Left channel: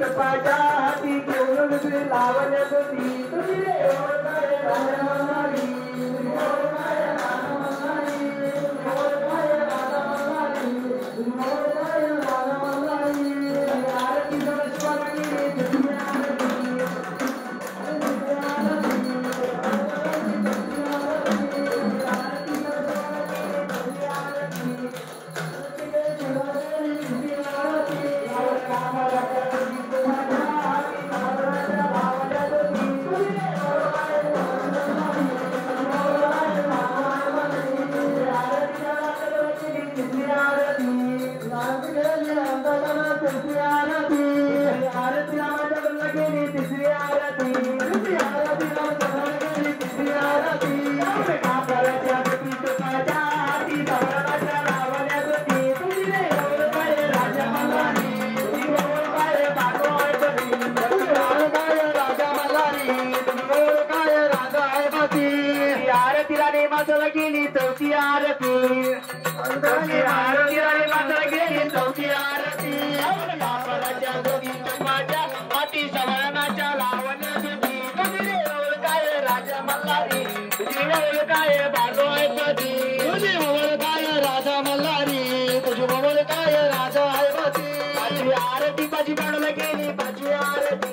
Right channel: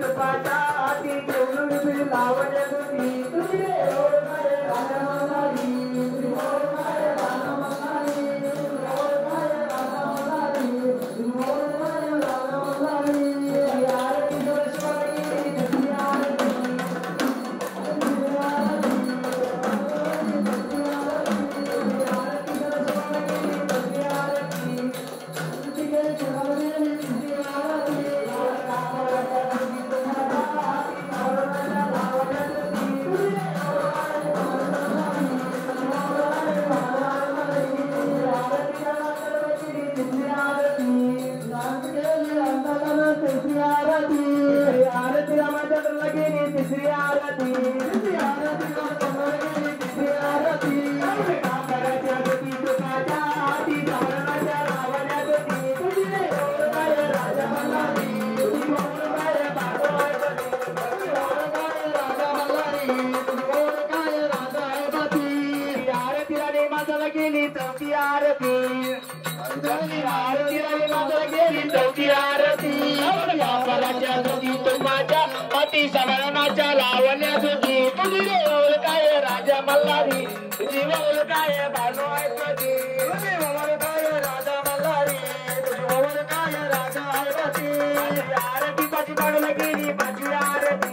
तुपाच्या हाती घेऊन लावले होती तुझे ओळखाय राजा मल्हारी ओळखाय राजा मल्हारी ओळखाय राजा मल्हारी ओळखाय राजा मल्हारी आरती सरस्वती दुसरी आरती गेली चौथी आरती गेली चौथी आरती तुझ्या हाती सवरणाच्या लावल्या होती तुझी ओळखाय राजा मल्हारी तुझी ओळखाय बाजोय तुझी तुझी ओळखाय राजा मल्हारी तुझी ओळखाय राजा आहे आरती पाची पडला गेली पाचवी आरती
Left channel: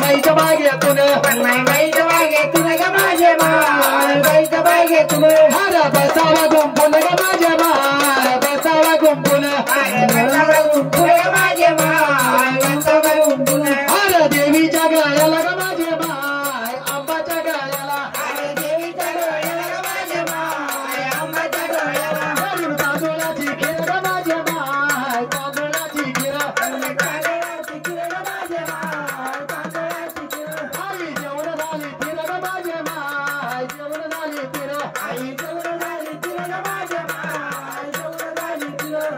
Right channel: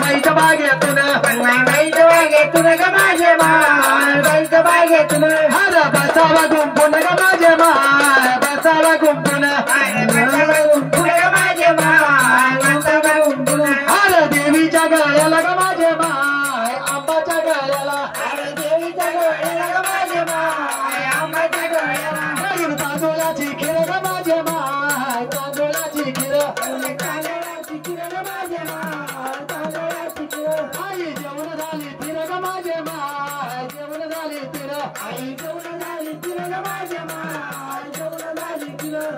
माईच्या बागेतून माईच्या बागेतून ग माझे माय बाईच्या बागेतून हर बसावा गुंपून ग माझे माय बसावा गुंपून बसावा गुंपून ग माझे माय बसावा गुंपून हर देवीच्या गळ्याला ग माझे माय आंबाच्या गळ्याला हर देवीच्या गळ्याला ग माझे माय आंबाच्या गळ्याला तांदूळाची खीर ग माझे माय तांदूळाची खीर तांदूळाची खीर ग माझे माय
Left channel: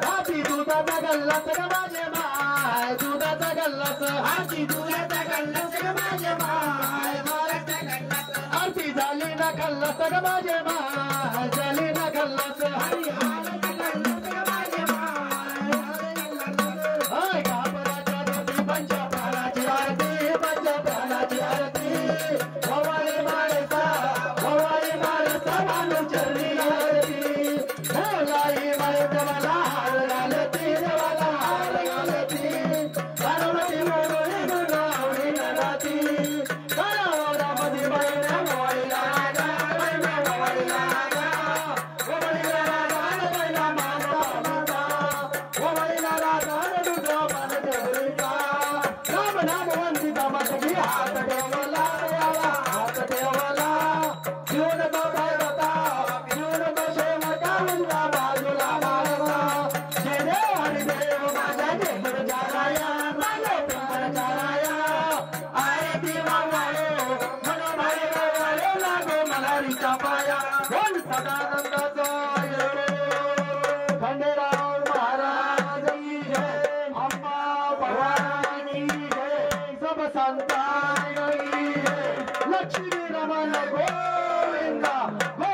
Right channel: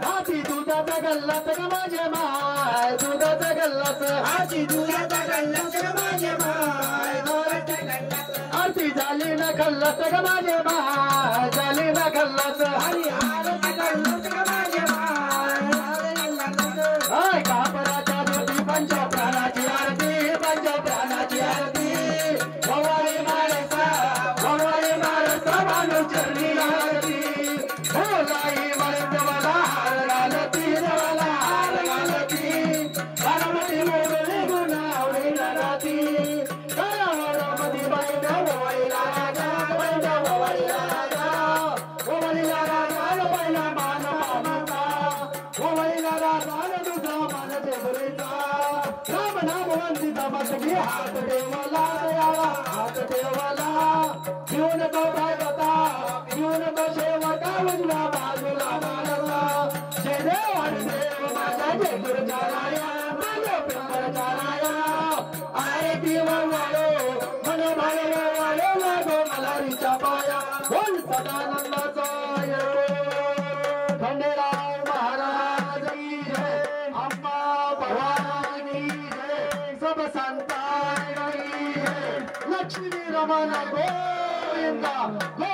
हाती दुधाचा गल्लाच ग माझे माय दुधाचा गल्लाच हाती दुधाचा गल्लाच ग माझे माय दुधाचा गल्लाच आरती झाली ना गल्लाच ग माझे माय झाली ना गल्लाच हारचा गल्लाच ग माझे माय हाय कापराच्या ज्योती पंच प्राणाची आरती पंच प्राणाची आरती भवानी माळसा मानू चरणी आरती भोलाई मला हार घालती देवाला हार घालती घरामध्ये मोडली गुणावली राती घरामध्ये बैठा मोबाईला राजा बैठा मोबाईला राजा मोबाईला राजा बैला मान पावता मोबाईला राजा दुसरा मान देवरीचा राम नाम वंदित मस्ती हात देवाला देवा हात देवाला जीवन तो भगवता जीवन तो शेवटा उजला बाजूला बाळवा जय देव हरी देव माझा जय गुरुचाराया माझा प्रचाराया आरती मंगळो मन भाई मंगळो लागो मलारीच्या पाया बोल सदानंदाचा खंडेराव महाराज की जय अम्मा भवानी जय सब संतान की जय लक्ष्मी रमण गोविंदा